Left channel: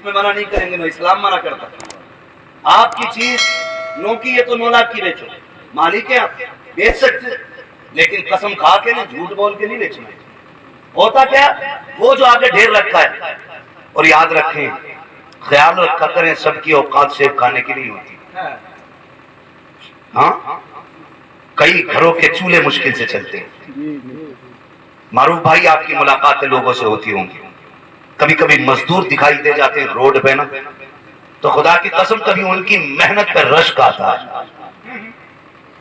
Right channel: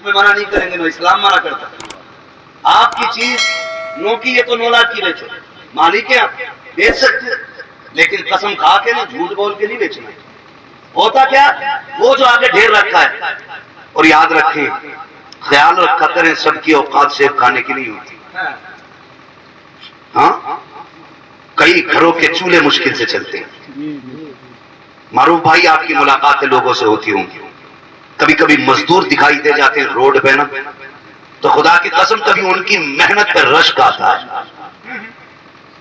اس میں منع نہیں کریں گے، نو اسلام منع کرتا ہے۔ آپ کی چیز نو کی ہے تو 9 لاکھ کی بیچو، مالک ہے آپ، بیچ سکتے، لیکن قسم کھا کے نہیں، جھوٹ بول کے نہیں بیچنا۔ ہوتا کیا، وہ جو آگے ڈھیر رکھا ہے، اور یاد رکھیں خیال رکھا کریں سب کی اوقات سیب کھانے کی نہیں ہوتی۔ ہاں کئی گھروں کے چولہے مشکل سے چلتے ہیں۔ معروف بھائی آپ کی ملاقاتیں لوگوں سے ہوتی ہوں گی، کبھی کبھی مزدور دکھائی دے جاتے ہیں روڈ پہ نا، تو خدا کی قسم کبھی ان کی محنت پہ رشک آتا ہے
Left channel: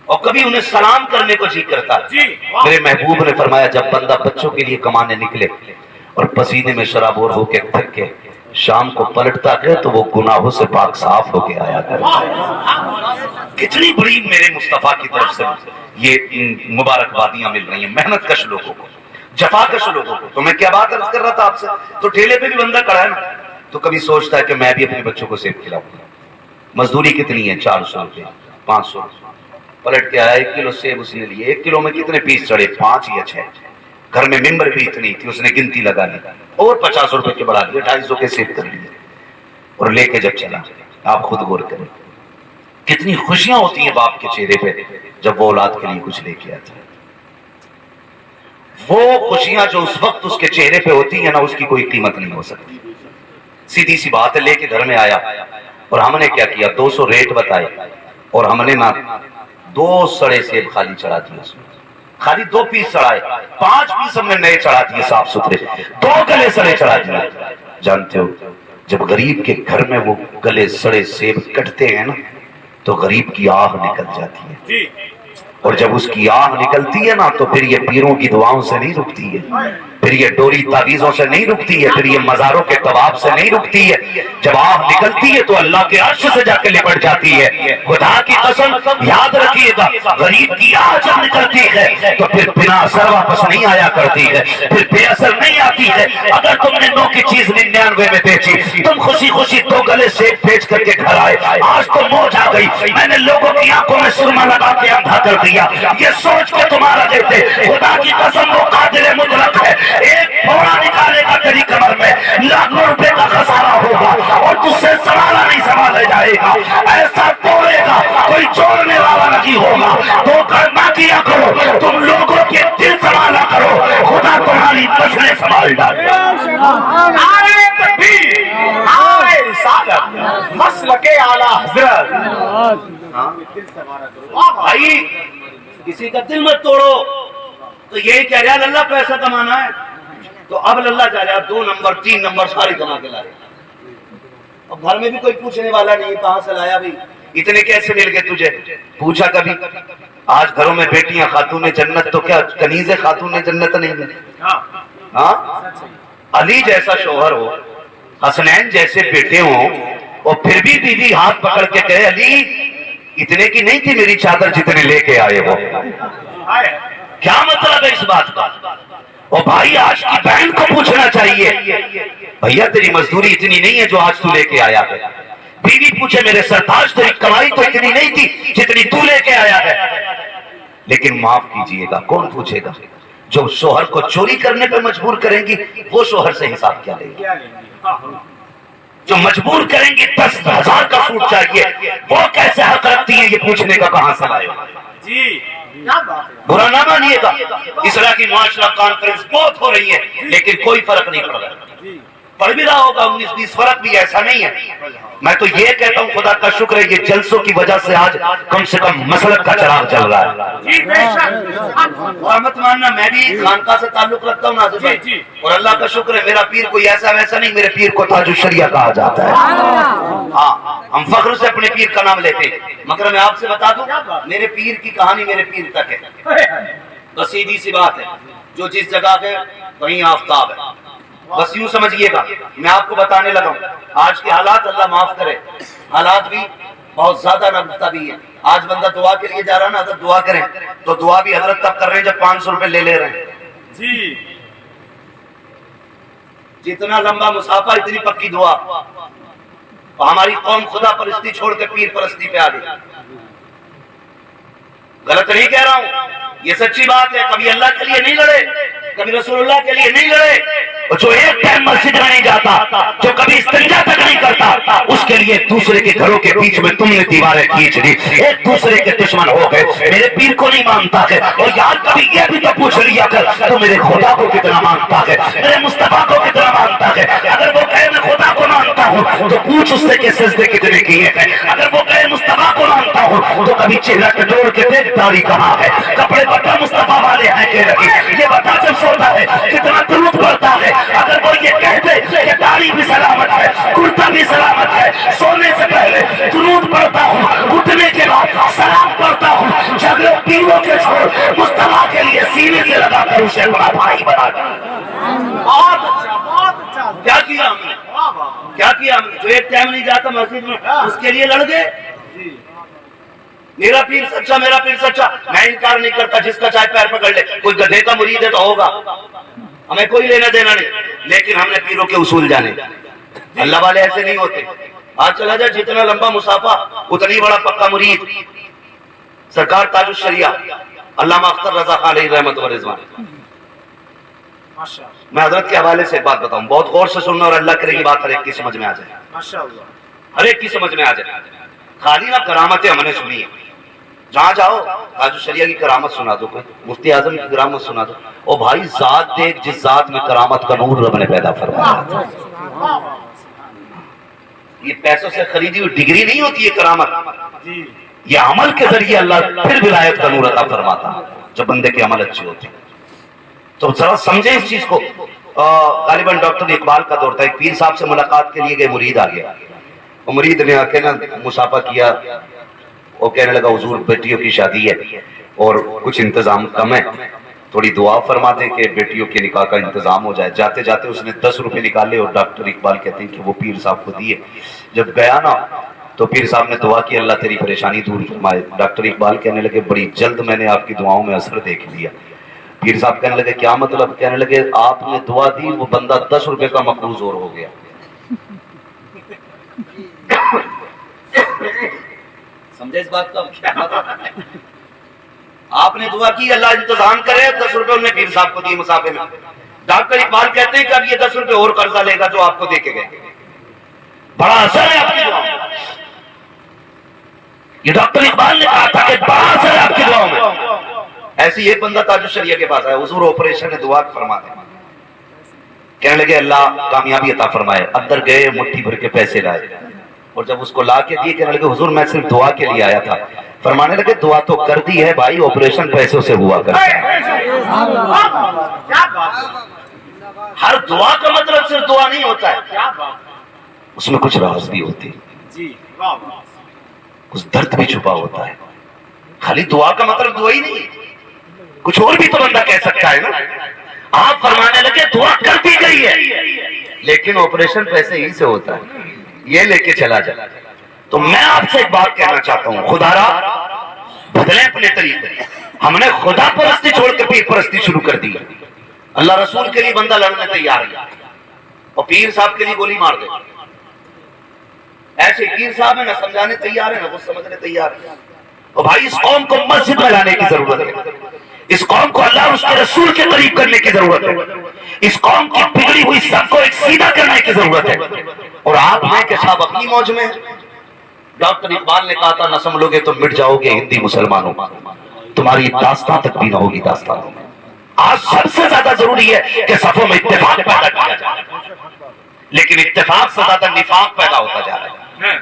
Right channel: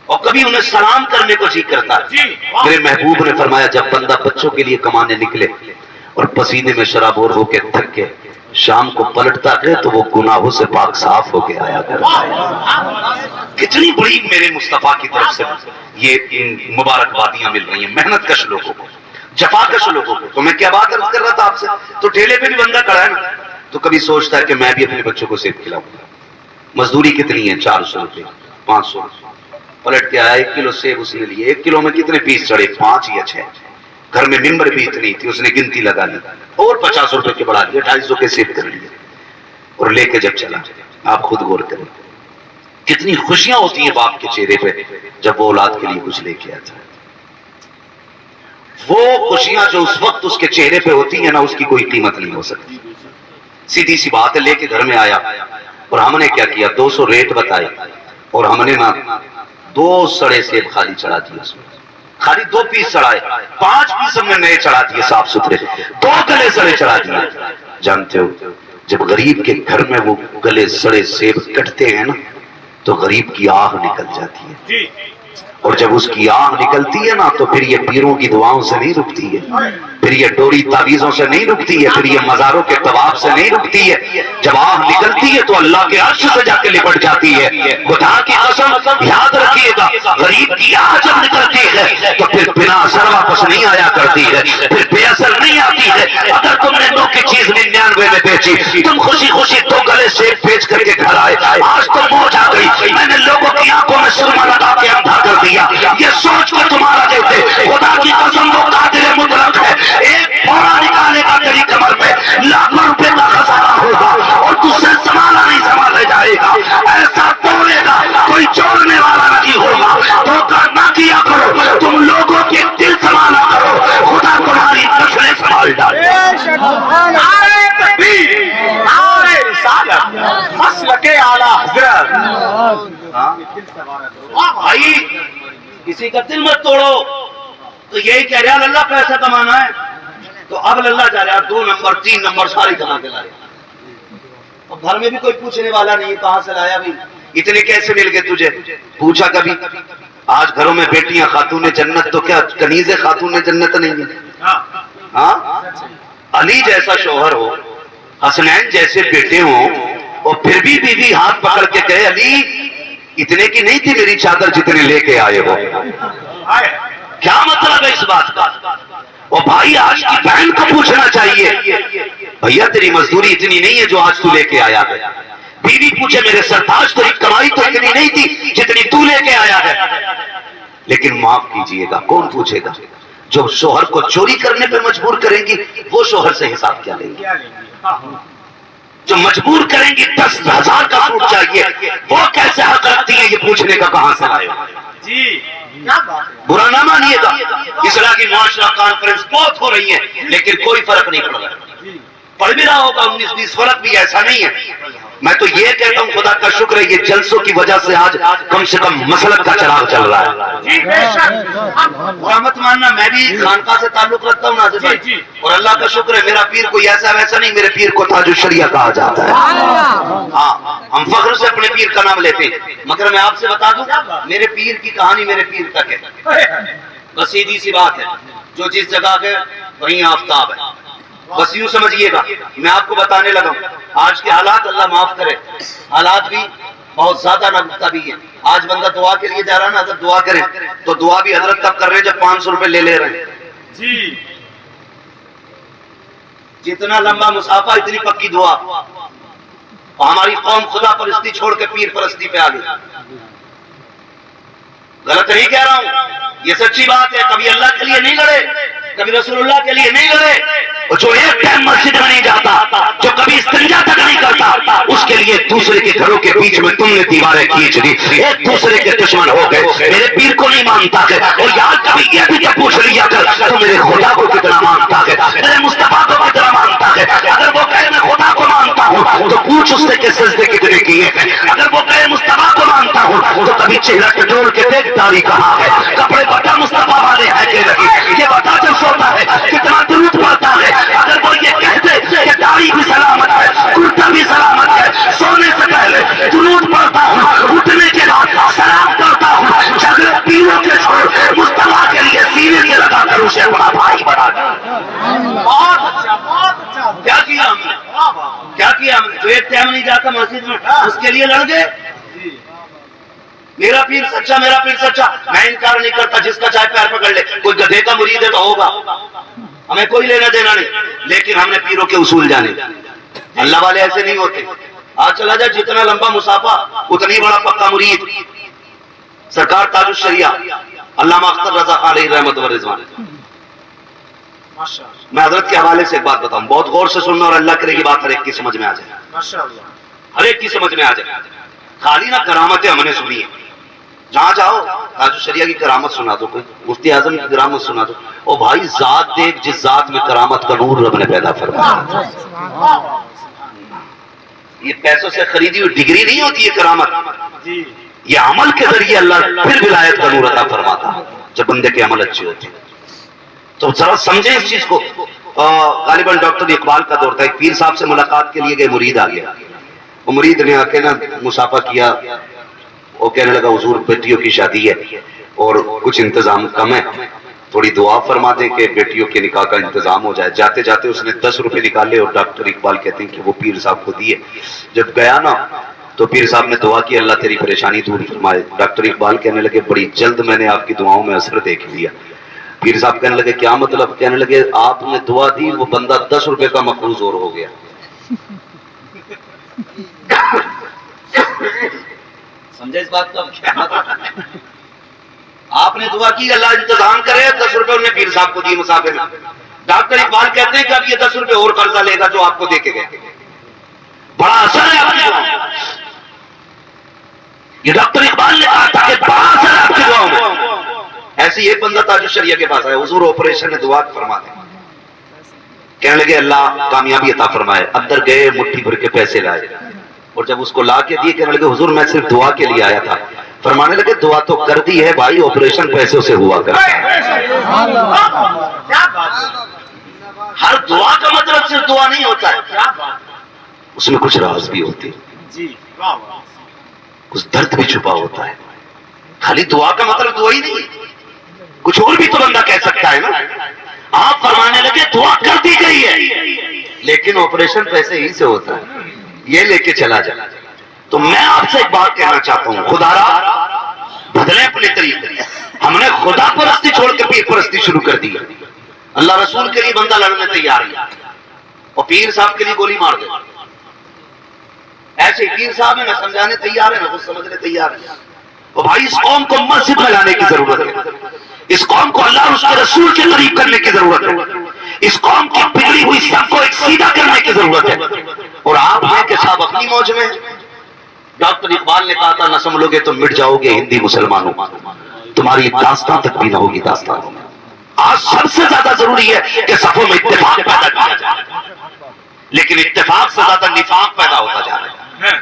اور کبھی انہیں سلام کرنے کو جی کرتا ہے۔ میرے محبوب نے فرمایا جب بندہ بچوں کے لیے کمانے نکلے اور پسینے میں شرابور ہو کے تھک کے شام کو پلٹتا ہے تو وہ گناہوں سے پاک صاف ہو کے آیا کرتا ہے۔ کتنی بڑی میرے مصطفیٰ کی طرف سے یہ مبارکبادیاں مل رہی ہیں محنت کش لوگوں کو، جفا کش لوگوں کو۔ تو میں کیا بات عرض کر رہا تھا آپ سے، تو ٹھیلے پہ بھی بندہ کھڑا ہے نا، تو کبھی سوچتا ہے کہ میں بھی اپنے بچوں کو سیب کھلاؤں۔ مزدوری کتنی ہے؟ 400 روپے، 500 روپے۔ پلٹ کے آیا 1 کلو سیب اس نے لیے، 1 کلو میں کتنے پیس چڑھے؟ 5 یا 6۔ گھر میں ممبر بھی اتنی تھی، اس نے گنتی لگا لی اور 50 روپے کے بڑھا لیے، 250 کے سیب کر لیے اور لے کے جب چلا۔ آپ خود غور کریں کتنی خوشیاں ہوتی ہیں باپ کے چہرے پہ جب وہ اولاد کے لیے کچھ لے کے آتا ہے۔ وہ خوشیاں جو اس وقت اس کے چہرے پہ ہوتی ہیں نا، اس کی کوئی قیمت نہیں ہو سکتی۔ سیدھی سی بات ہے، لے کے گھر میں آیا اور ہم نے کیا کیا، 200 ریٹ بتائے اور ہم نے نا 2 سڑے سیب خالی چڑھا دیے، اس میں خالی 2 پیس چڑھائے، 5 پیس ہم نے نئے چڑھا دیے صاف ستھرے، 2 گلے سڑے چڑھا دیے۔ جانتے ہو جب غریب کے گھر میں وہ گلے سڑے سیب کٹتے ہیں نا تو غریب کی آہ نکل جاتی ہے، اور جب اس کی آہ نکلتی ہے نا تو پھر یہ پیروں کی دعاؤں سے نہیں رکتی ہے، پھر یہ ڈوری تعویذوں سے نہیں رکتی ہے، پھر یہ مزاروں کے طواف سے نہیں رکتی ہے۔ جب آہ نکلتی ہے تو اللہ کے عرش سے جا کے لپٹ جاتی ہے۔ خدا کی قسم یاد رکھیے گا، غریب کی آہ جب نکلتی ہے تو پھر بنا اثر واپس نہیں آیا کرتی ہے، پھر بے اثر نہیں آتی ہے۔ اگر تم نے 2 کی چیز 99 میں بیچی، تم خوشی خوشی 2 گلے سیب بیچ کر کے گھر آئے، آج تو موج آ گئی، میں نے لوگوں کی آنکھوں میں سرما لگا کے اندھا کر دیا، یہ سوچ کر تمہارا دیتے خدا کی قسم وہ قادر مطلق ہے، ایک پھوڑا نکالے گا تیری کمر میں، لاکھوں روپے کا خسارہ ہوگا اور تجھ سے سنبھالا نہیں سنبھالے جائے گا، ایسا توڑے گا کوئی جوڑنے والا نہیں ہوگا۔ دھوکہ نہ کیا کرو، تم لوگوں کے دل سنبھالا کرو، خدا تمہاری نسلیں سنبھال ڈالے۔ نعرہ تکبیر، نعرہ رسالت، مسلک اعلیٰ حضرت۔ بھائی کسی کا دل مت توڑو، تو یہی کہہ رہا اللہ پیسہ کمانا ہے تو اب اللہ جا رہا 2 نمبر 3 نمبر ساری کما کے لا رہا، اور گھر میں بھی کوئی پوچھنے والا نہیں کہاں سے لایا بھی، اتنے کیسے مل گئے تجھے؟ پوچھا کبھی؟ آج گھروں میں بیٹیاں خاتون جنت تو کیا کنیز خاتون جنت نہیں ہے؟ ہاں علی جیسا شوہر ہو، حسنین جیسے بیٹے ہوں، اور پھر بھی بیوی ہاتھ پکڑ کے کہے علی اتنے کی نہیں تھی میری چادر جتنے لے کے آئے ہو، کیا مطلب ہے اس بات کا؟ اور بھائی آج کی بہن کو پوچھنا چاہیے بھیا تیری مزدوری اتنی نہیں ہے جو آج تو لے کے آیا ہے۔ بیوی پوچھے میرے سرتاج تیری کمائی تو اتنی نہیں تھی جتنی تو لے کے آیا ہے۔ لیکن معاف کیجئے گا، کون پوچھے گا؟ جو شوہر کو چوری کرنے پہ مجبور کریں گی وہ شوہر سے حساب کیا لیں گی؟ جو مجبور کریں گی 10,000 کا سوٹ چاہیے وہ کیسے حق رکھتی ہیں یہ پوچھنے کا کہاں سے لائے؟ جی برا نہ مانیے گا، اصلاح کی معاشرہ کانفرنس بہت ہو رہی ہے لیکن کوئی فرق نہیں پڑ رہا، پڑھ بھی رہا ہوگا 19-20 فرق بھی ایسا نہیں ہے۔ میں تو یہ کہتا ہوں خدا کا شکر ہے یہ جلسوں کی وجہ سے آج کم سے کم مسلک کا چراغ چل رہا ہے۔ جی بے شک، مت ماننا میں بھی خانقاہ سے تعلق رکھتا ہوں ناظر بھائی، اور اللہ کا شکر ہے میرا پیر کوئی ایسا ویسا نہیں، میرے پیر کو تاج الشریعہ کہا جاتا ہے۔ ہاں ہم فخر سے اپنے پیر کا نام لیتے ہیں، مگر میں آپ سے بتا دوں میرے پیر کی کہانی میرے پیر تک ہے، بس سیدھی سی بات ہے، جو جس جگہ ہے وہیں آفتاب ہے، بس یوں سمجھیے گا۔ میں آپ کو بتانے لگا ہوں آج کے حالات اللہ معاف کرے، حالات بھی بہت زیادہ ناگفتہ بھی ہیں۔ آج بندہ دعا کے لیے جا رہا ہے نا، حضرت دعا کریں تو دعا بھی حضرت تب کر رہے ہیں جب 500 روپے لے رہے ہیں۔ جی جتنا لمبا مسافہ اتنی پکی دعا، اور ہماری قوم خدا پرستی چھوڑ کے پیر پرستی پہ آ گئی۔ غلط نہیں کہہ رہا ہوں، یہ سچی بات ہے، کبھی اللہ کے لیے نہیں لڑے، کبھی رسول اللہ کے لیے نہیں لڑے، اور جو ایک ٹائم مسجد میں نہیں جاتا، جو کبھی استنجا تک نہیں کے لیے دوسرے کے گھروں کے بیچ میں تم نے دیواریں کھینچ دی, ایک دوسرے کے دشمن ہو گئے. میرے پیر کو نہیں مانتا ہے, اور یار کبھی یہ بھی تو پوچھ لیا کر تو میرے خدا کو کتنا مانتا ہے, میرے مصطفیٰ کو کتنا مانتا ہے. اگر وہ کہے میں خدا کو مانتا ہوں تو پوچھ اس سے کہ سجدے کتنے کیے ہیں. اگر وہ کہے مصطفیٰ کو مانتا ہوں تو کبھی چہرہ کٹور کے دیکھ داڑھی کہاں ہے, کپڑے بتا مصطفیٰ والے ہیں کہ نہیں, یہ بتا جب سوتا ہے کتنا درود پڑتا ہے. اگر وہ یہ کہتے کہ داڑھی بھی سلامت ہے, کرتا بھی سلامت ہے, سونے سے پہلے درود پڑتا ہوں, اٹھنے کے بعد سلام کرتا ہوں, جھگڑے پیروں کے چھوڑ مصطفیٰ کے لیے سینے سے لگا کر اسے اپنا بھائی بنا دیا. بہت اچھا, بہت اچھا. کیا کیا ہم نے, واہ واہ. کیا کیا ہم نے؟ جو ایک ٹائم نہیں جاتا مسجد میں اس کے لیے لڑ گئے. جی میرا پیر سچا, میرا پیر سچا, میں انکار نہیں کرتا, جس کا چاہے پیر پکڑ لے, کوئی گدھے کا مرید ہے تو ہوگا, ہمیں کوئی لینا دینا نہیں, لیکن ہم نے پیروں کے اصول جانے. اللہ والے ایسے نہیں ہوتے. آج چلا جائے جتنا لمبا مسافہ اتنی بڑا پکا مرید. سرکار تاج الشریعہ علامہ اختر رضا خان علیہ رحمت و رضوان. ماشاء اللہ, میں حضرت کے حوالے سے ایک بات بتاؤں, بہت غور سے سننا, اور اللہ کرے گی بات ہر ایک کی سمجھ میں آ جائے, ماشاء اللہ. ہر ایک کی سمجھ میں آ جائے. خالی نہ کرامتیں ہم نے سنی ہیں, جہاں جاؤ تاج الشریعہ کی کرامت سنا دو, کوئی مفتی اعظم کی کرامت سنا دو, اور بھائی ذات دیکھ جس ذات میں کرامت کا نور رب نے پیدا فرمایا. یہ پیسوں سے خریدی ہوئی ڈگری نہیں ہوتی ہے کرامت, جی یہ عمل کے ذریعے اللہ پھر ولایت کا نور عطا فرماتا ہے جب بندے کے عمل اچھے ہوتے ہیں. تو ذرا سمجھیں اس چیز کو. غالباً ڈاکٹر اقبال کا دور تھا, ایک پیر صاحب سے ملاقات کے لیے گئے, مرید آ گیا. وہ مرید نے آ کے نا مسافہ کیا, وہ کہنے لگا حضور بیٹیوں کی شادی ہے اور کچھ انتظام کم ہے, تھوڑی دعا فرما دیں کہ بیٹیوں کے نکاح کا انتظام ہو جائے. جاتے جاتے اس نے 10 روپے نکالے اور ڈاکٹر اقبال کہتے ہیں کہ وہ پیر صاحب کو دیے. جب گیا نا تو پیر صاحب نے دعا کی اللہ تیری پریشانی دور فرمائے. ڈاکٹر اقبال کہنے لگے بڑی جلد میں نے آپ کی دعاؤں میں اثر دیکھ لیا. پیر صاحب کہنے لگے کیا مطلب؟ کہنے لگے آپ نے دعا دی, وہ بندہ 10 روپے کا مقروض اور ہو گیا. سمجھے اس بات کا کیا مطلب؟ آپ نے دعا کی اللہ انتظام کرے, 10 روپے انہوں نے پیر صاحب کو دی مسافر میں. ڈاکٹر اقبال کہتے ہیں کہ اب یہ 10 روپے اور قرضہ لے گا جو آپ کو دے کے گئے. بڑا اثر ہے آپ کی دعاؤں میں. یہ ڈاکٹر اقبال نے کہا تھا کہ بڑا اثر ہے آپ کی دعاؤں میں. ایسی ایک بندہ تاج الشریعہ کے پاس آیا, حضور آپریشن ہے دعا فرما دیں. کہنے لگے اللہ کامیابی عطا فرمائے. اندر گئے, مٹھی بھر کے پیسے لائے, اور جب اس کو لا کے دیے کہنے لگے حضور میں صرف دعا کے لیے آیا تھا. فرمانے لگے دعا تو کر دی ہے بھائی, آپریشن پیسوں سے ہوا کرتا ہے. کیا بات ہے, ہر دعا کا مطلب صرف دعا نہیں ہوتا ہے, کیا بات. اس میں کچھ راز بھی ہوتے ہیں, جی واہ واہ. کچھ درد بھی چھپا ہوتا ہے. خالی دعا کا مطلب دعا ہی نہیں, کچھ اور بھی تو بندہ کہہ سکتا ہے نا. آپ فرمانے لگے دعا کر دی گئی ہے لیکن آپریشن پیسے ہی سے ہوتا ہے, یہ لے کے چلا جائے. تو میں آپ سے ایک بات کہنا چاہتا ہوں, خدا را بدلیں اپنے طریقے. ہم نے خدا پرستی چھوڑ کے پیر پرستی شروع کر دی. اللہ رسول کے لیے بندہ لڑنے تیار ہے اور پیر صاحب کے لیے گولی مار دے. ایسے پیر صاحب ہے نہ سمجھانے تیار ہے نہ کچھ سمجھنے تیار ہے. اور بھائی اس قوم کو مسجد میں لانے کی ضرورت ہے, اس قوم کو اللہ اور اس کے رسول کے قریب کرنے کی ضرورت ہے, اس قوم کی بگڑی ہوئی سب کو ایک سیدھا کرنے کی ضرورت ہے. اور آپ ہیں کہ صاحب اپنی موج میں. ڈاکٹر اقبال نے کہا تھا نہ سنبھلو گے تو مٹ جاؤ گے ہندی مسلمانوں, تمہاری داستان تک بھی نہ ہوگی داستانوں میں. آج سب سے زیادہ ضروری ہے کہ صفوں میں اتفاق پیدا کیا جائے, لیکن اتفاق سے زیادہ نفاق پیدا ہوتا جا رہا ہے.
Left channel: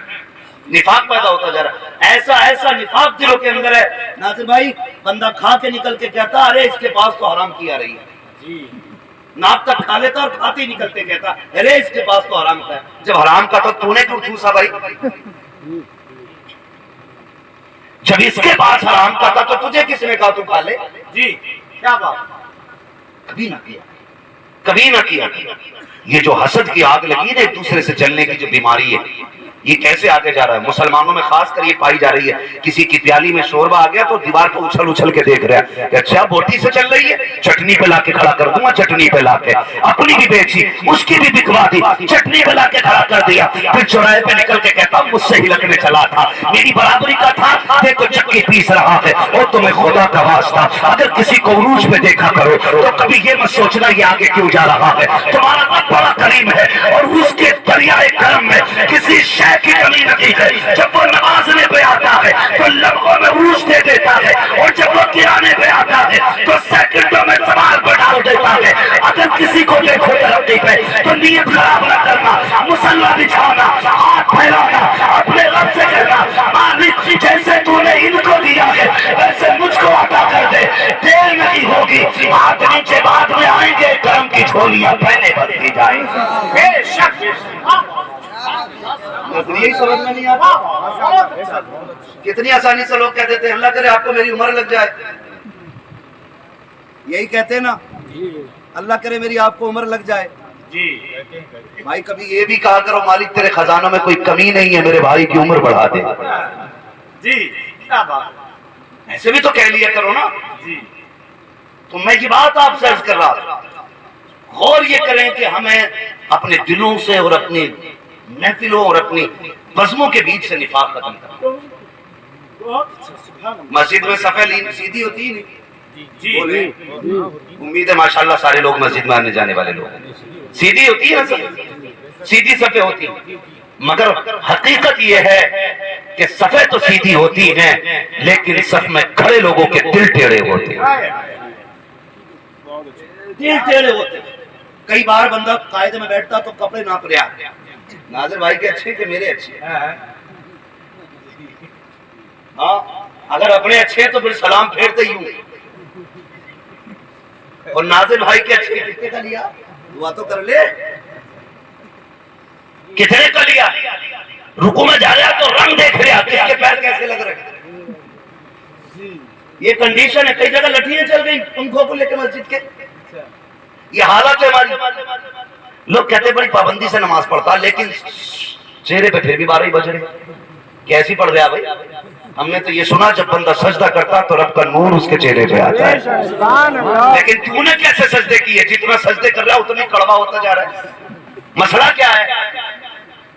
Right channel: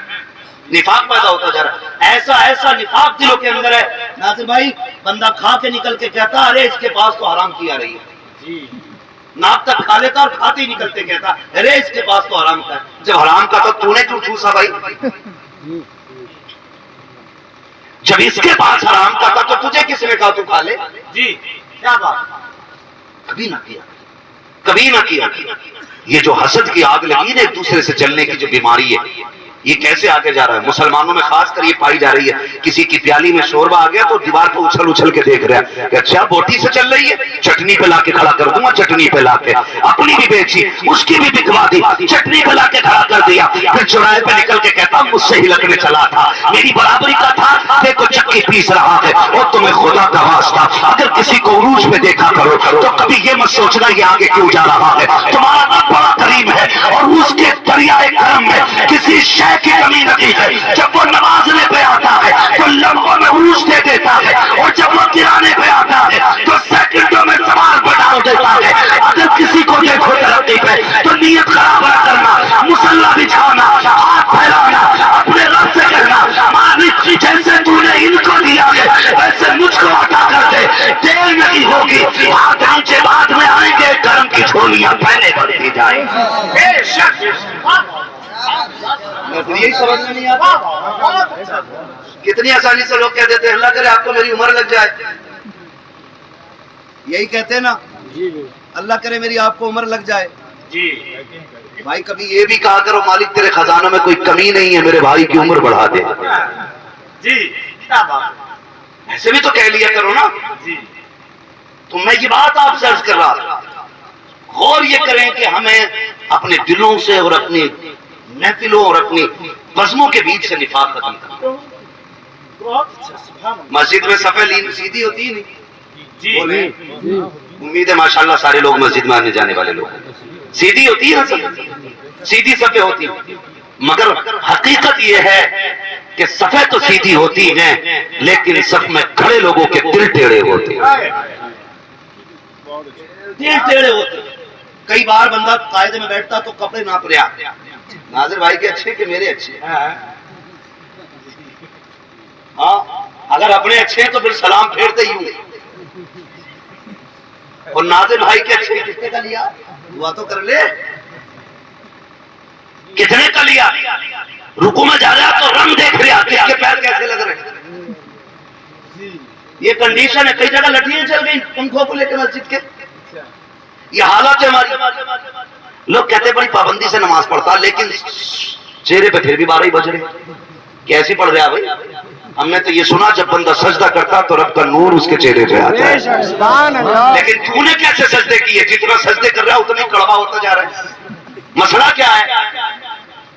نفاق پیدا ہوتا جا رہا ہے, ایسا ایسا نفاق دلوں کے اندر ہے. ناصر بھائی بندہ کھا کے نکل کے کہتا ارے اس کے پاس تو حرام کی آ رہی ہے, جی ناک تک کھا لیتا اور کھاتے ہی نکلتے کہتا ارے اس کے پاس تو حرام کا ہے. جب حرام کا تو نے کیوں ٹھوسا بھائی؟ جب اس کے پاس حرام کا تھا تو تجھے کس نے کہا تو کھا لے؟ جی کیا بات. کبھی نہ کیا, کبھی نہ کیا. یہ جو حسد کی آگ لگی نا ایک دوسرے سے جلنے کی جو بیماری ہے, یہ کیسے آگے جا رہا ہے؟ مسلمانوں میں خاص کر یہ پائی جا رہی ہے. کسی کی پیالی میں شوربہ آ گیا تو دیوار پہ اچھل اچھل کے دیکھ رہا ہے کہ اچھا بوٹی سے چل رہی ہے, چٹنی پہ لا کے کھڑا کر دوں گا, چٹنی پہ لا کے. اپنی بھی بیچی, اس کی بھی بکوا دی, چٹنی پہ لا کے کھڑا کر دیا. پھر چوراہے پہ نکل کے کہتا مجھ سے ہی لگنے چلا تھا, میری برابری کا تھا, دیکھو چکی پیس رہا ہے. اور تمہیں خدا کا واسطہ اگر کسی کو عروج پہ دیکھا کرو تو کبھی یہ مت سوچنا یہ آگے کیوں جا رہا ہے. تمہارا رب بڑا کریم ہے اور اس کے دریائے کرم میں کسی شے کی نیت برابر کرنا، مصلی بچھانا، ہاتھ پھیلانا، اپنے رب سے کہنا مالک جیسے تو نے ان کو دیا ہے ویسے مجھ کو عطا کر دے، دیر نہیں ہوگی، ہاتھ نیچے بعد میں آئیں گے، کرم کی جھولیاں پہلے بھرتی جائیں گی۔ بے شک بے شک۔ واہ واہ یہی سمجھنا نہیں آتا، واہ واہ، بہت اچھا۔ کتنی آسانی سے لوگ کہتے تھے اللہ کرے آپ کو میری عمر لگ جائے، یہی کہتے ہیں نا، اللہ کرے میری آپ کو عمر لگ جائے۔ جی بھائی کبھی یہ بھی کہا کرو مالک تیرے خزانوں میں کوئی کمی نہیں ہے، میرے بھائی کی عمر بڑھا دے، جی کیا بات ہے۔ ایسے بھی تو کہہ لیا کرو نا۔ جی تو میں یہ بات آپ سے عرض کر رہا تھا، غور یہ کریں کہ ہمیں اپنے دلوں سے اور اپنی محفلوں اور اپنی بزموں کے بیچ سے نفاق ختم کرنا۔ بہت اچھا، سبحان اللہ۔ مسجد میں صفیں سیدھی ہوتی ہی نہیں، جی بولے امید ہے ماشاءاللہ سارے لوگ مسجد میں آنے جانے والے لوگ ہیں، سیدھی ہوتی ہے نا، سیدھی صفیں ہوتی ہیں، مگر حقیقت یہ ہے کہ صفیں تو سیدھی ہوتی ہیں لیکن صف میں کھڑے لوگوں کے دل ٹیڑھے ہوتے ہیں، دل ٹیڑھے ہوتے ہیں۔ کئی بار بندہ قاعدے میں بیٹھتا تو کپڑے ناپ رہا، ناظر بھائی کے اچھے کہ میرے اچھے، ہاں اگر اپنے اچھے تو پھر سلام پھیرتے ہی ہوں، اور ناظر بھائی کے اچھے کتنے کا لیا، دعا تو کر لے، کتنے کا لیا، رکوع میں جا رہا تو رنگ دیکھ رہا کس کے پیر کیسے لگ رہے، یہ کنڈیشن ہے، کئی جگہ لٹھیاں چل گئی پنکھوں کو لے کے مسجد کے، یہ حالت ہے ہماری۔ لوگ کہتے بڑی پابندی سے نماز پڑھتا لیکن چہرے پہ پھر بھی 12 ہی بج رہے، کیسی پڑھ رہا بھائی؟ ہم نے تو یہ سنا جب بندہ سجدہ کرتا تو رب کا نور اس کے چہرے پہ آتا ہے، لیکن تو نے کیسے سجدے کیے؟ جتنا سجدے کر رہا ہے اتنا کڑوا ہوتا جا رہا ہے، مسئلہ کیا ہے؟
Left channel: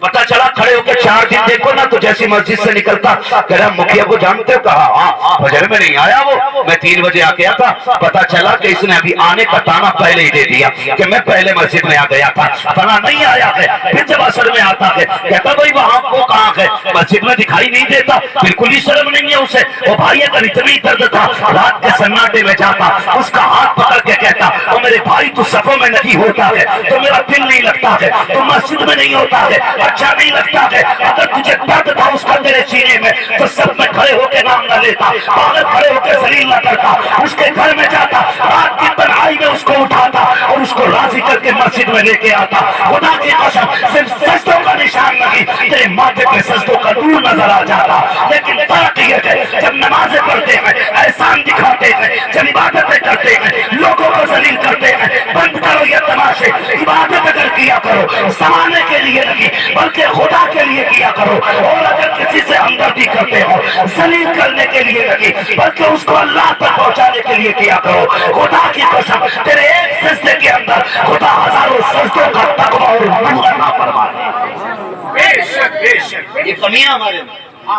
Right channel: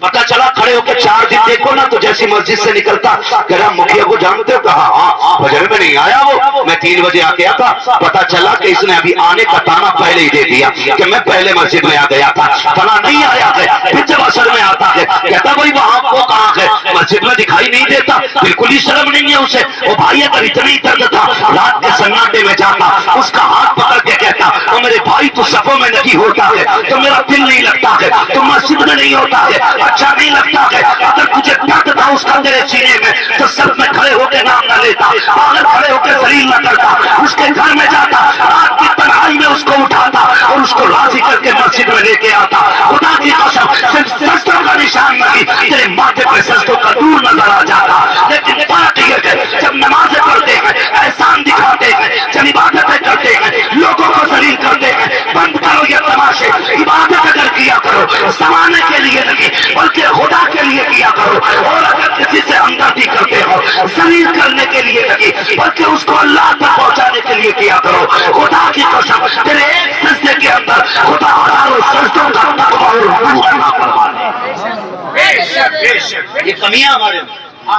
پتہ چلا کھڑے ہو کے 4 دن دیکھو نا تو جیسی مسجد سے نکلتا کہہ رہا مکھیا کو جانتے ہو؟ کہا ہاں، فجر میں نہیں آیا وہ، میں 3 بجے آ گیا تھا، پتہ چلا کہ اس نے ابھی آنے کا تانا پہلے ہی دے دیا کہ میں پہلے مسجد میں آ گیا تھا، فلاں نہیں آیا ہے، پھر جب اثر میں آتا ہے کہتا بھائی وہاں وہ کہاں ہے، مسجد میں دکھائی نہیں دیتا، بالکل ہی شرم نہیں ہے اسے، وہ بھائی اگر اتنی درد تھا رات کے سناٹے میں جاتا اس کا ہاتھ پکڑ کے کہتا او میرے بھائی تو صفوں میں نہیں ہوتا ہے تو میرا دل نہیں لگتا ہے، تو مسجد میں نہیں ہوتا ہے اچھا نہیں لگتا ہے، اگر تجھے درد تھا اس کا تیرے سینے میں تو سب میں کھڑے ہو کے نام نہ لیتا، باہر کھڑے ہو کے ذلیل نہ کرتا، اس کے گھر میں جاتا رات کی تنہائی میں اس کو اٹھاتا اور اس کو راضی کر کے مسجد میں لے کے آتا۔ خدا کی قسم صرف سجدوں کا نشان نہیں، تیرے ماتھے پہ سجدوں کا نور نظر آ جاتا، لیکن فرق یہ ہے جب نمازیں پڑھتے ہیں احسان دکھاتے ہیں، جب عبادتیں کرتے ہیں لوگوں کو ذلیل کرتے ہیں، بند کرو یہ تماشے، عبادت اگر کیا کرو زمانے کے لیے نہیں بلکہ خدا کے لیے کیا کرو، اور اگر کسی سے ہمدردی کرتے ہو ذلیل کرنے کے لیے نہیں بلکہ اس کو اللہ تک پہنچانے کے لیے کیا کرو۔ خدا کی قسم تیرے ایک سجدے کے اندر خدا ہزاروں سجدوں کا تقویٰ اور نور عطا فرما دے۔ بے شک بے شک۔ یہ کمیاں ہمارے میں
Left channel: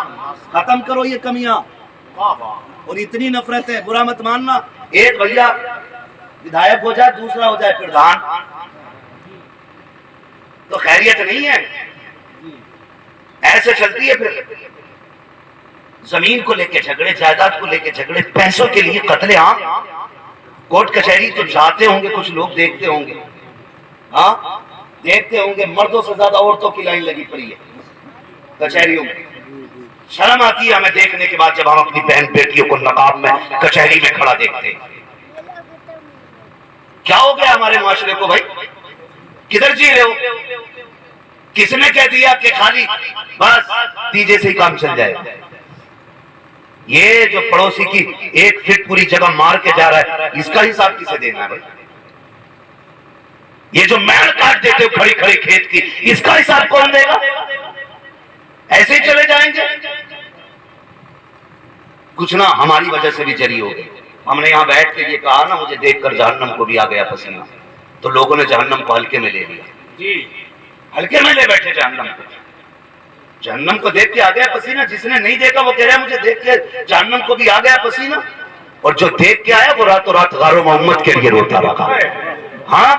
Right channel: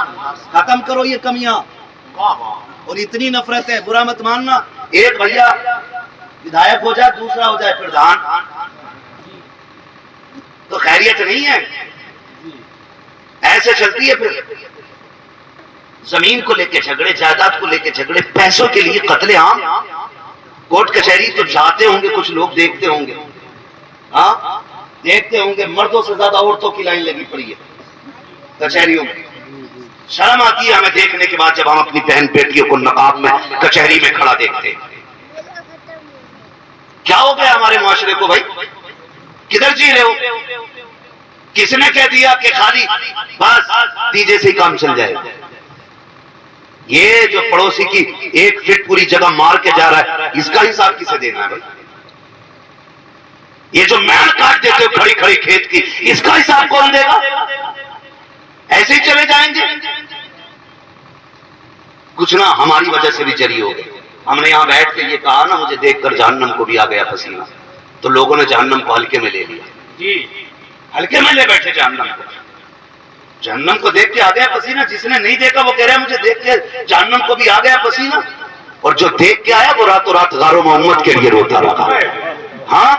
ختم کرو، یہ کمیاں واہ واہ، اور اتنی نفرت ہے، برا مت ماننا، ایک بھیا ودھایک ہو جائے دوسرا ہو جائے پردھان تو خیریت نہیں ہے، ایسے چلتی ہے۔ پھر زمین کو لے کے جھگڑے، جائیداد کو لے کے جھگڑے، پیسوں کے لیے قتل عام، کورٹ کچہری تو جاتے ہوں گے کچھ لوگ، دیکھتے ہوں گے، ہاں دیکھتے ہوں گے، مردوں سے زیادہ عورتوں کی لائن لگی پڑی ہے کچہریوں میں۔ شرم آتی ہے ہمیں دیکھنے کے بعد جب ہم اپنی بہن بیٹیوں کو نقاب میں کچہری میں کھڑا دیکھتے ہیں۔ کیا ہو گیا ہمارے معاشرے کو بھائی؟ کدھر جی رہے ہو؟ کس نے کہہ دیا کہ خالی بس دیجے سے ہی کام چل جائے؟ یہ جو پڑوسی کی 1 فٹ پوری جگہ مار کے جا رہا ہے اس کا حساب کسے دینا ہے بھائی؟ یہ جو میل کاٹ دیتے ہو کھڑی کھڑی کھیت کی اس کا حساب کون دے گا؟ ایسے ہی چلے جائیں گے؟ کچھ نہ ہماری وجہ سے بھی جری ہو گئی۔ ہم نے یہاں بیٹھ کے یہ کہا نا مجھے دیکھ کر جہنم کو بھی آ گیا پسینہ، تو لوگوں نے جہنم کو ہلکے میں لے لیا، جی ہلکے میں لے بیٹھے جہنم کو۔ جہنم کو دیکھ کے آ گیا پسینہ، جس نے نہیں دیکھا وہ کہہ رہا ہے مجھے دیکھ کے جہنم کو بھی آ گیا پسینہ، اور جو دیکھ کے آیا وہ راتوں رات غار و محمد کے لیے روتا رہا۔ ہاں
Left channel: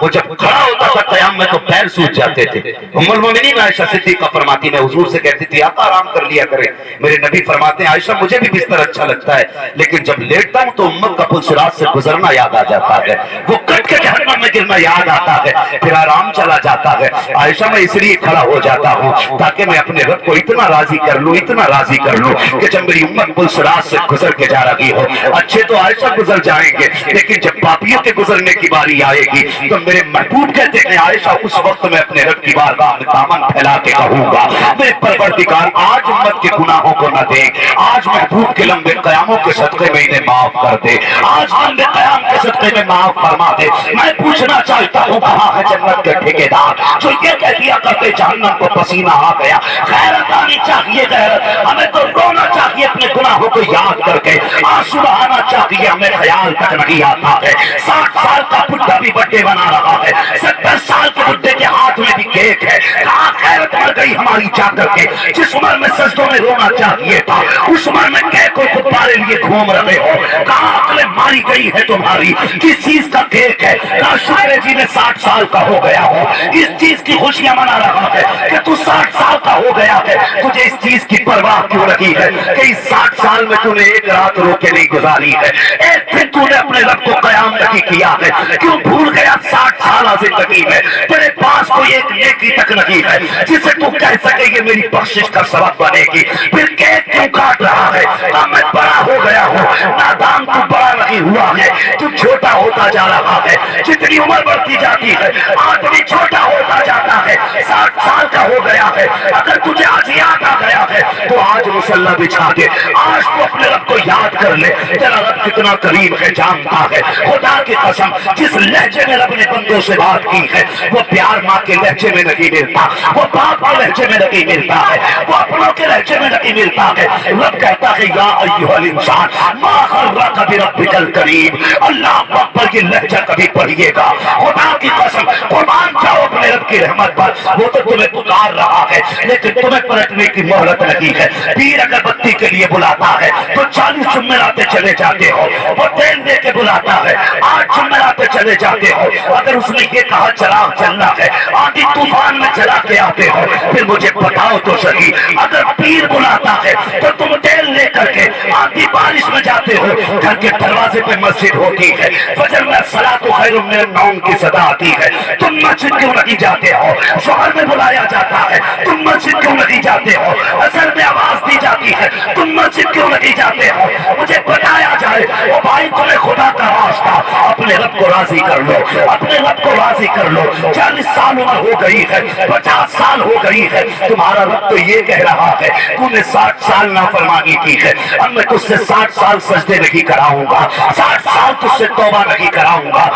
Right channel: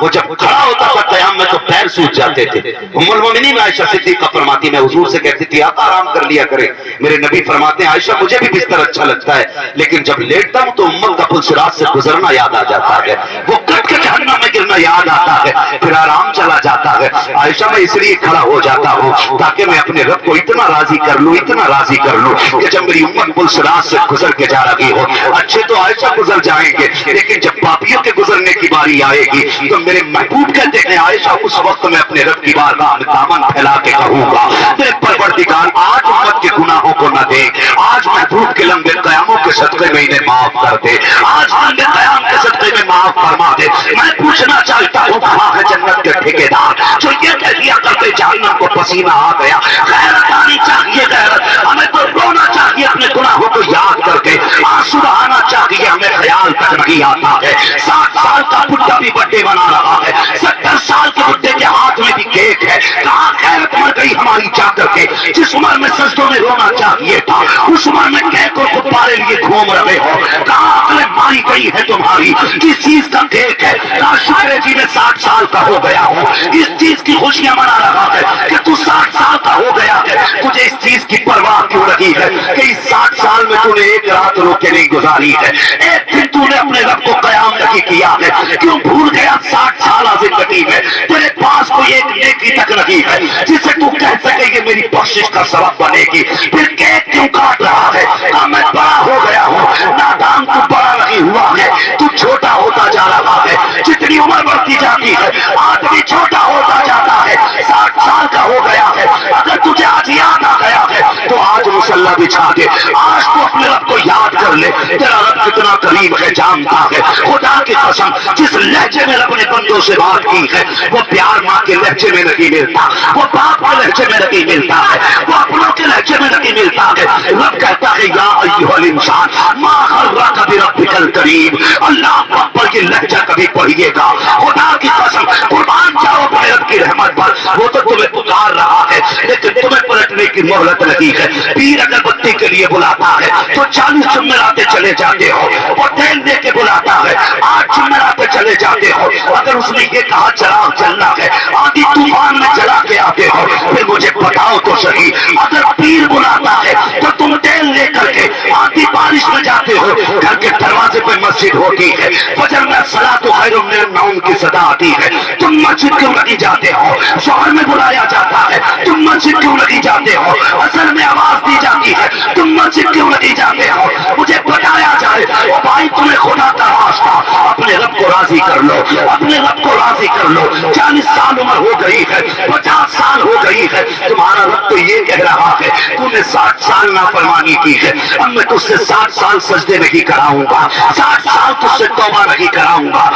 وہ جب کھڑا ہوتا تھا قیام میں تو پیر سوج جاتے تھے. ام المومنین عائشہ صدیقہ فرماتی میں حضور سے کہتی تھی آقا آرام کر لیا کرے. میرے نبی فرماتے ہیں عائشہ مجھے بھی بستر اچھا لگتا ہے لیکن جب لیٹتا ہوں تو امت کا پل صراط سے گزرنا یاد آ جاتا ہے, وہ کٹ کے جہنم میں گرنا یاد آتا ہے, پھر آرام چلا جاتا ہے. عائشہ میں اس لیے کھڑا ہو جاتا ہوں تاکہ میں اپنے رب کو اتنا راضی کر لوں, اتنا راضی کر لوں کہ جب میری امت پل صراط سے گزر کے جا رہی ہو. اچھے تو عائشہ گزر جائیں گے لیکن جب پاپیوں کے گزرنے کی باری آئے گی تو میرے محبوب کہتے ہیں عائشہ اس وقت میں اپنے رب کی بارگاہ میں دامن پھیلا کے کہوں گا میرے پروردگار آج امت کے گناہوں کو نہ دے, آج محبوب کے لمبے قیاموں کے صدقے میں انہیں معاف کر دے, آج لمبے قیام کے صدقے میں معاف فرما دے. میں پوچھنا چاہتا ہوں کہاں ہے جنت کے ٹھیکیدار جو یہ کہہ دیا کرتے جہنم کو پسینہ آ گیا. غیرت آنی چاہیے, غیرت ہمیں تو رونا چاہیے اپنے گناہوں کو یاد کر کے, آنسو بہانا چاہیے ہمیں خیال تک نہیں آتا ہے. 60 سال کا بڈھا بھی بڈے بنا رہا ہے, 70 سال کے بڈھے کے ہاتھ میں بھی کیک ہے. کہاں غیرت مر گئی ہماری جا کر کے؟ جس عمر میں سجدوں میں رونا چاہیے تھا اس عمر میں کیک اور غبارے لیے گھوم رہے ہو. کہاں عقل ماری گئی ہے تمہاری؟ کس چیز کا کیک ہے؟ کہاں شکر ہے جی میں 60 سال کا ہو گیا ہوں, اس چیز کی خوشیاں منا رہا ہے کہ تو 60 سال کا ہو گیا ہے. تجھے اس چیز کی پرواہ کیوں رہی ہے کہ اس 60 سال میں تو نے ایک رات رو کے نہیں گزاری ہے, ایک دن تو نے اپنے رب کو قیام نہیں کیا ہے. کیوں بھول گیا 60 سالہ زندگی میں تیرے پاس کوئی ایک نیکی تک نہیں ہے جسے تو کہہ سکے یہ میری بخشش کا سبب بنے گی؟ پھر کیک کیوں کاٹ رہا ہے؟ میں بڑا ہو گیا ہوں, نادان تو بڑا نہیں ہوا ہے, تو چھوٹا ہوتا جا رہا ہے. جتنی عمر بڑھتی جاتی ہے آدمی چھوٹا ہوتا جاتا ہے. 60 سال کا ہو گیا ہے, اگر تجھے آج یاد آ گیا ہے تو آج مصلی بچھا دے, آج تو اپنے رب کو یاد کر لے. تیرا رب کتنا قریب ہے جانتا ہے. خدا کی قسم جس لہجے میں رب نے بندوں سے بات کی ہے وہ پیار ماں کے لہجے میں نہیں ملتا, وہ باپ کے لہجے میں نہیں ملتا ہے, وہ اپنوں کے لہجے میں نہیں ملتا ہے. رب کہتا ہے یا ایھا الانسان ما غرک بربک الکریم. اللہ اکبر یہ لہجہ کبھی پڑھیے گا. خدا کی قسم قربان جاؤ اپنے رب کی رحمت پر. وہ تو تمہیں پکار رہا ہے لیکن تمہیں پلٹنے کی مہلت نہیں ہے. پیر اگر بتی کے لیے بلاتا ہے تو 40 جمعراتے چلے جاتے ہو, وہ تیل دے کے بلاتا ہے 8 جمعراتے چلے جاتے ہو. اگر اس نے یہ کہا چراغ چلنا ہے آندھی طوفان میں چلا کے آتے ہو. پھر مجھے بتاؤ تو صحیح, اگر پیر بلاتا ہے تو تم تیل لے کر کے آندھی بارش میں جاتے ہو, گھر کے دروازے پہ مسجد ہوتی ہے, فجر میں الصلاۃ خیر من النوم کی صدا آتی ہے, تم مسجد کیوں نہیں جاتے ہو؟ شوہر میں بلایا جاتا ہے تم مسجد کیوں نہیں جاتے ہو؟ اثر میں آواز دی جاتی ہے تم مسجد کیوں نہیں جاتے ہو؟ مجھے بتایا جائے او بھائی تمہیں خدا کا واسطہ اپنے رب کو راضی کر لو, اپنے رب کو راضی کر لو. 40 سال عمر ہو گئی ہے, 50 سال ہو گئی ہے, تمہارا رب تو یہ کہہ رہا ہے تم نے 60 سال نافرمانی کی ہے, اب میں تجھ سے 60 سال سجدے نہیں کراؤں گا, 60 سال تجھ سے توبہ نہیں کراؤں گا.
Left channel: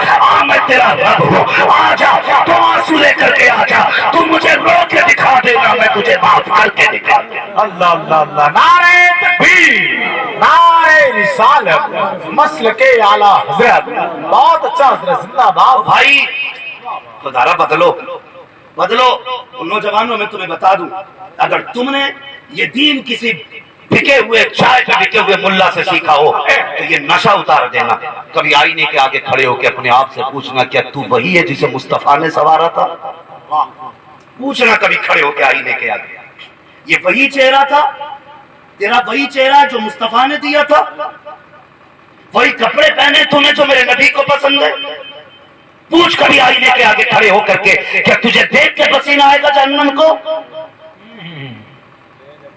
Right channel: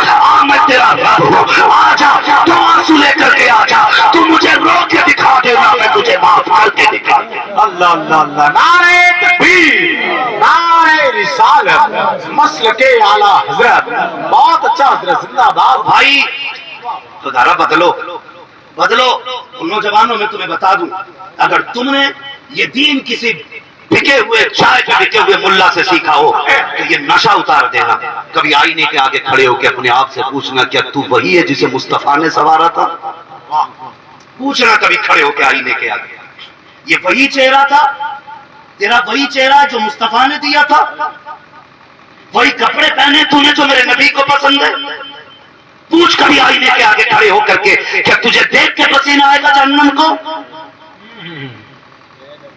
میں تیرا رب ہوں, آ جا تو آنسو لے کر کے آ جا, تو مجھے رو کے دکھا دینا میں تجھے معاف کر کے دکھا دوں. اللہ اللہ اللہ. نعرہ تکبیر, نعرہ رسالت, مسلک اعلیٰ حضرت. بہت اچھا حضرت, زندہ باد بھائی. خدا بدلو بدلو. ان نوجوانوں میں تمہیں بتا دوں اگر تم نے یہ دین کسی بکے ہوئے چائے پہ بکے ہوئے ملا سے سیکھا ہو تو یہ نشہ اتار دینا. کبھی آئینے کے آگے کھڑے ہو کے اپنے آپ سے پوچھنا کیا تو وہی ہے جسے مصطفیٰ نے سنوارا تھا؟ پوچھنا کبھی کھڑے ہو کے آئینے کے آگے, یہ وہی چہرہ تھا تیرا, وہی چہرہ جو مصطفیٰ نے دیا تھا, وہی کپڑے پہنے تو نے جو میرے نبی کو پسند ہے؟ پوچھ کبھی آئینے کے آگے کھڑے ہو کر کے کیا تجھے دیکھ کے پسینہ آئے گا جہنم کو؟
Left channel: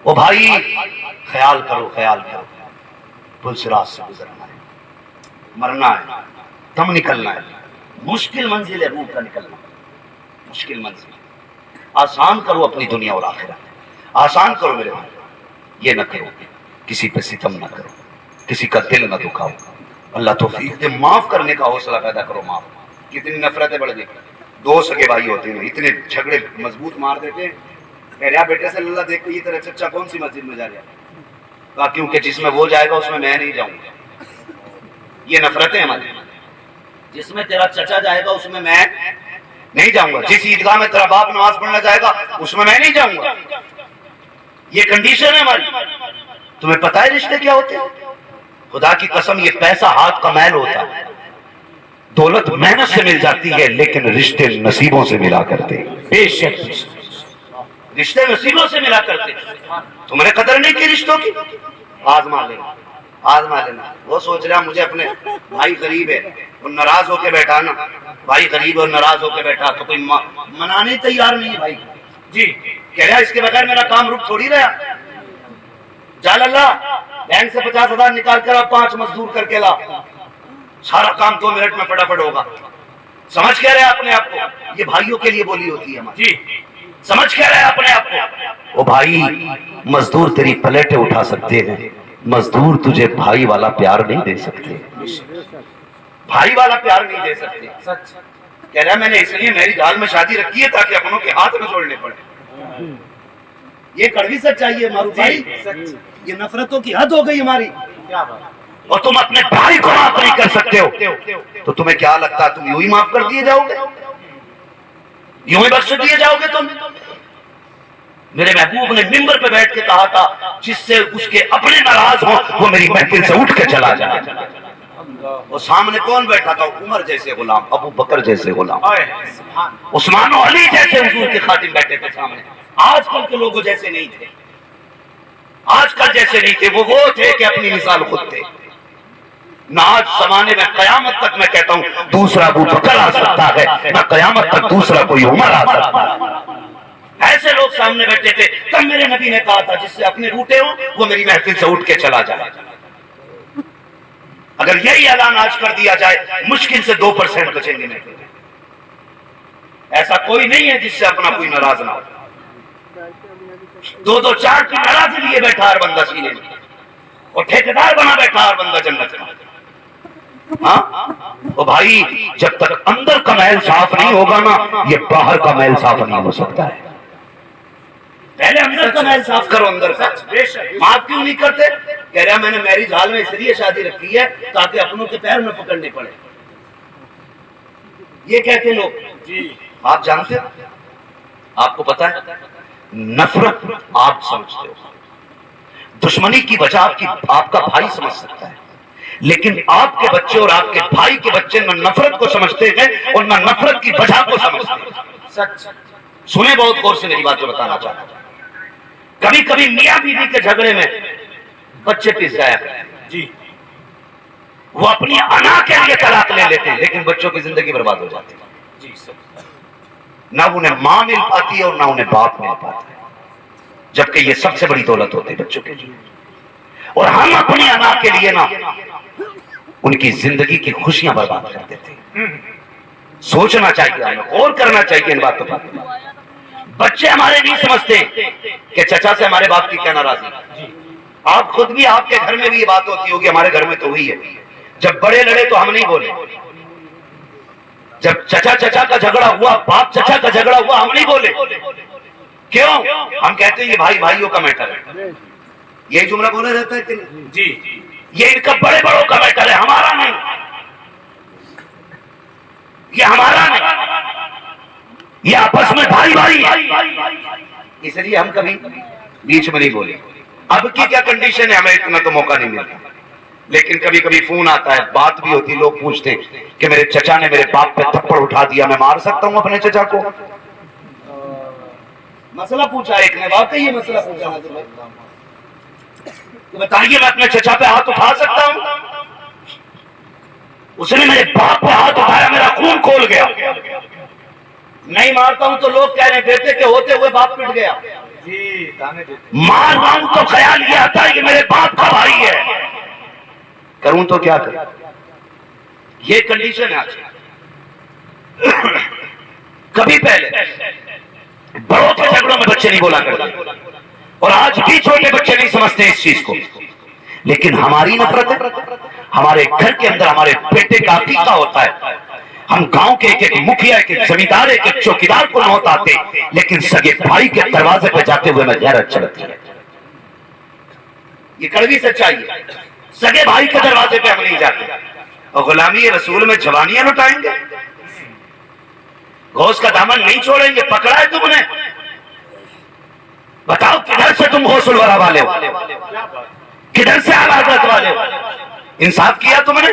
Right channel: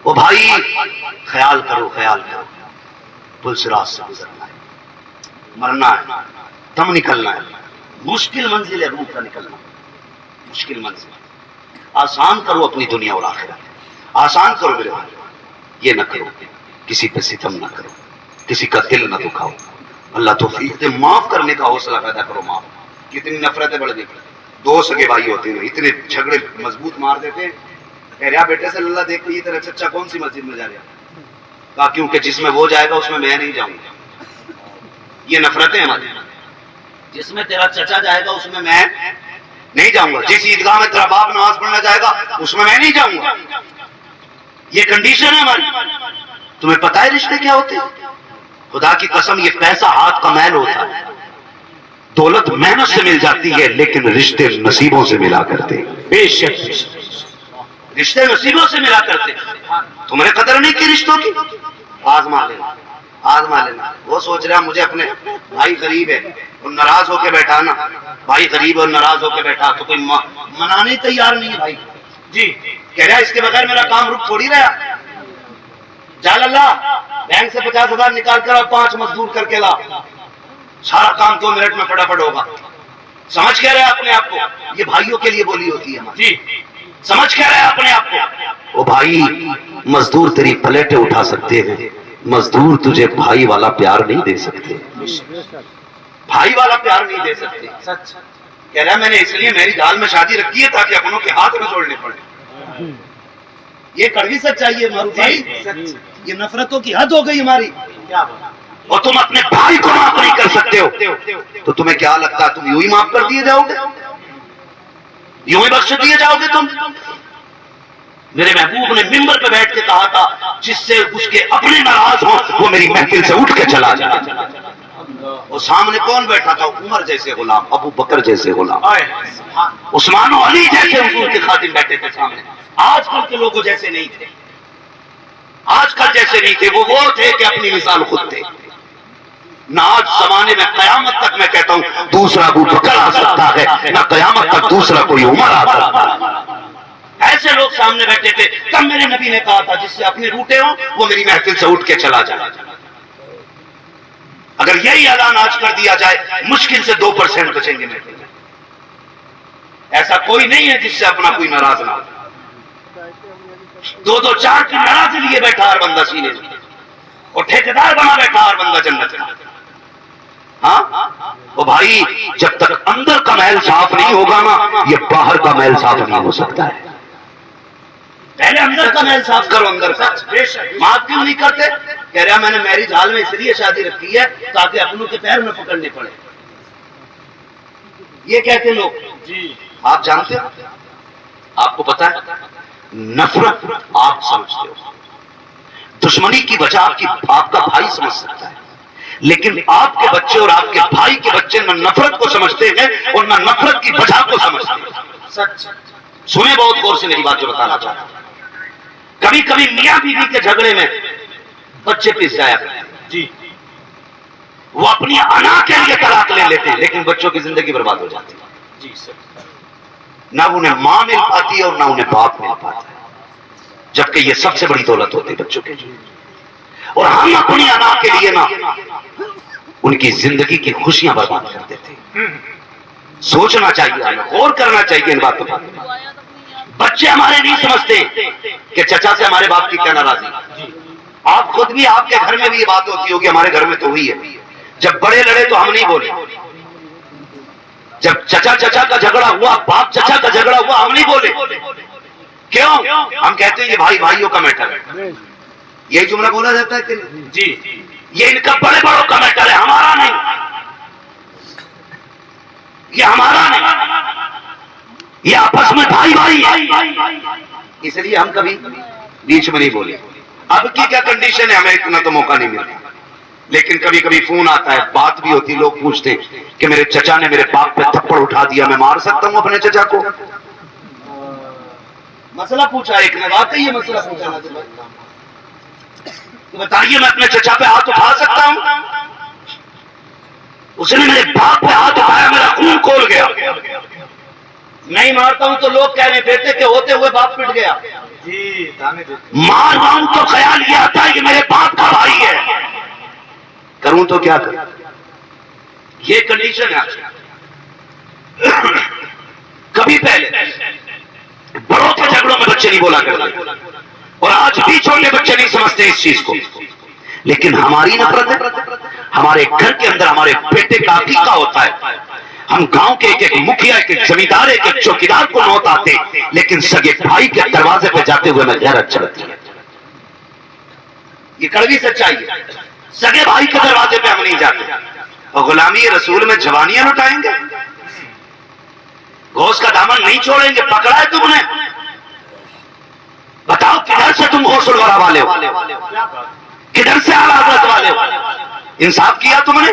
او بھائی خیال کرو, خیال کرو. پل صراط سے گزرنا ہے, مرنا ہے, دم نکلنا ہے. مشکل منزل ہے روح کا نکلنا, مشکل منزل. آسان کرو اپنی دنیا اور آخرت, آسان کرو میرے بھائی. یہ نہ کرو, کسی پہ ستم نہ کرو, کسی کا دل نہ دکھاؤ. اللہ توفیق دے, معاف کرنے کا حوصلہ پیدا کرو. معاف, کتنی نفرتیں بڑھ گئی. 2 سگے بھائی ہوتے ہیں اتنے جھگڑے مضبوط مار دیتے ہیں. کہہ رہا بیٹے سے اللہ دیکھ یہ تیرا چچا کون سی مسجد میں جا رہا ہے؟ کہا کیونکہ جس میں وہ جائے گا اس میں میں نہیں جاؤں گا. یہ نفرتیں ہماری. جس میں تیرا چچا جائے گا اس میں میں نہیں جاؤں گا, جس عیدگاہ میں تیرا باپ نماز پڑھنا جائے گا اس میں نہیں جاؤں گا. یہ کنڈیشن ہے ہماری. تمہیں پتہ ہے رشتے کیا ہوتے ہیں؟ خدا کی قسم یہ پیسہ ہاتھ کا میل ہوتا ہے. دولت محنت سے مل جاتی ہے لیکن رشتے نصیبوں سے ملا کرتے ہیں۔ بے شک رشتے نصیبوں سے ملا کرتے ہیں۔ تم نے قدر نہیں کی رشتوں کی، آزما لینا آزما لینا۔ وہ سوچ رہا مجھے اپنے بھائی غریب ہے اور ناراض ہو کے بیٹھا نا، بھائی غریب اور ناراض ہو کے بیٹھا تو کوئی منانے تیار نہیں ہے بھائی جی، کہہ رہا اس کے بغیر میرا کام رک تھوڑی رہا۔ جال اللہ بینک سے 50,000 نکال کر آپ 5 مزدور کر کے لا، سارا کام 2 منٹ میں فٹافٹ ہوگا۔ سمجھ کہہ رہے ہیں اپنے آپ کو، یہ بھائیوں کے لیے بولی ہوتی ہے ہماری جی، سمجھ کہہ رہے ہیں اپنے آپ کو۔ وہ بھائی مزدور تیری پلیٹیں اٹھا سکتے ہیں، مزدور تجھے بھائی والا پیار نہیں دے سکتے، بھائی والا پیار نہیں دے سکتے۔ سچ کہہ رہا میں نے اس لیے میری جال میں شادی رکھی ہے تاکہ اپنوں کے ہاتھ میں جوڑنے پڑے۔ یہ کڑوی سچائی ہے معروف بھائی، یہ نفرتوں کی حد ہو گئی ہماری۔ اور تم اپنے بھائی کو معاف نہیں کر سکتے ہو تو تمہیں کیا لگتا ہے تم یوں ہی معاف کر دیے جاؤ گے، یوں ہی بخش دیے جاؤ گے تم؟ میرے محبوب نے ممبر پہ بیٹھ کے کہا تھا جس سے اس کے اپنے ناراض ہوں وہ میری محفل سے اٹھ کے چلا جائے۔ اور سامنے کون بیٹھا تھا؟ عمر جیسے غلام، ابو بکر جیسے غلام، عثمان و علی جیسے حضور کے خادم بیٹھے تھے سامنے۔ آج کل کے لوگوں جیسے نہیں تھے، آج کل جیسے نہیں تھے، وہ تھے کہ اپنی مثال خود تھے۔ نہ آج زمانے میں قیامت تک میں کہتا ہوں دوسرا ابو بکر آ سکتا ہے، نہ قیامت تک دوسرا کوئی عمر آ سکتا ہے۔ ایسے لوگ سامنے بیٹھے تھے، تب میرے نبی نے کہا تھا جس سے اپنے روٹے ہوں وہ میری محفل سے اٹھ کے چلا جائے۔ اگر یہی اعلان آج کر دیا جائے مشکل سے 2% بچیں گے محفل میں۔ ایسا کوئی نہیں ہے جس سے اپنا کوئی ناراض نہ ہو۔ 2 4 کی ناراضی لیے بیٹھا ہر بندہ سینے میں، اور ٹھیکیدار بنا بیٹھا ہر بندہ جنت میں۔ ہاں وہ بھائی جب تک اندر کا محل صاف نہیں ہوگا نا یہ باہر کا محل صاف نہیں ہو سکتا ہے۔ پہلے اندر کا محل صاف کرو، اندر کا۔ معاف کیوں نہیں کرتے؟ کہہ رہا میں نے میری جال میں اس لیے شادی رکھی ہے تاکہ اپنوں کے پیر نہ پکڑنے پڑے۔ یہ کہتے لوگ جی، آپ جانتے ہو، آپ کو پتا ہے نفرت آپ سمجھتے ہو، دشمنی کی وجہ آپ کا بھائی سمجھ سکتا ہے، لیکن آپ کے بچے اور آپ کے بھائی کے بچے نہ نفرت کو سمجھتے ہیں اور نہ نفرت کی وجہ کو سمجھتے ہیں۔ سچ سنیں بہت غور سے میری بات جو بتانا چاہتا ہوں۔ کبھی کبھی میاں بیوی کے جھگڑے میں بچے پس جایا جی، وہ اپنی انا کے لیے طلاق لے لیتے ہیں لیکن بچوں کی زندگی برباد ہو جاتی ہے جی۔ نہ انہیں ماں مل پاتی ہے اور نہ انہیں باپ مل پاتا ہے، جبکہ یہ سب سے بڑی دولت ہوتی ہے بچوں کے لیے۔ اور ہم اپنی انا کے لیے نا ان کی زندگی کی خوشیاں برباد کر دیتے ہیں۔ سوچنا چاہیے، ہمیں غور کرنا چاہیے ان باتوں پر۔ بچے ہمارے نہیں سمجھتے کہ چچا سے ہمارے باپ کی کیا ناراضی۔ آپ خود بھی، آپ کے گھر میں بھی یہ بات ہوتی ہوگی، ہمارے گھر میں تو ہوئی ہے، جب بڑے لڑے تو ہم نہیں بولے، جب چچا کا جھگڑا ہوا، باپ چچا کا جھگڑا ہوا، ہم نہیں بولے۔ کیوں؟ ہم کہتے ہیں یہ بھائی بھائیوں کا میٹر ہے۔ یہی جملہ بولا جاتا ہے کہ جی یہ ان کا بڑے بڑوں کا میٹر ہے، ہمارا نہیں، یہ ہمارا نہیں، یہ آپس میں بھائی بھائی۔ اس لیے ہم کبھی بیچ میں نہیں بولے۔ اب کی کیا کنڈیشن ہے، ہمیں اتنا تو موقع نہیں ملتا، لیکن کبھی کبھی فون آتا ہے، بات بھی ہوتی، لوگ پوچھتے ہیں کہ میرے چچا نے میرے باپ پہ تھپڑ اٹھا دیا، میں مار سکتا ہوں اپنے چچا کو؟ مسئلہ پوچھا ایک نے، واقعی یہ مسئلہ پوچھا ناظر بھائی، بتائیے میں اپنے چچا پہ ہاتھ اٹھا سکتا ہوں؟ اس نے میرے باپ پہ ہاتھ اٹھایا، میرا خون کھول گیا۔ نہیں مارتا ہوں تو لوگ کہہ رہے بیٹے کے ہوتے ہوئے باپ پٹ گیا، مار رہا ہوں تو خیال یہ آتا ہے کہ میرے باپ کا بھائی ہے، کروں تو کیا کروں؟ یہ کنڈیشن ہے آج۔ کبھی پہلے بڑوں کے جھگڑوں میں بچے نہیں بولا کرتے، اور آج بھی چھوٹے بچے نہیں سمجھتے اس چیز کو، لیکن ہماری نفرت ہے۔ ہمارے گھر کے اندر ہمارے بیٹے کا عقیقہ ہوتا ہے، ہم گاؤں کے ایک مکھیا، ایک زمیندار، ایک چوکیدار کو نوت آتے، لیکن سگے بھائی کے دروازے پہ جاتے ہوئے میں غیرت چڑھتی ہے۔ یہ کڑوی سچائی ہے، سگے بھائی کے دروازے پہ ہم نہیں جاتے۔ اور غلامی رسول میں جوانیاں لٹائیں گے، غوث کا دامن نہیں چھوڑیں گے؟ پکڑا ہے تم نے، بتاؤ کدھر سے تم غوث الورا والے ہو، کدھر سے اعلیٰ حضرت والے ہو؟ انصاف کیا تم نے؟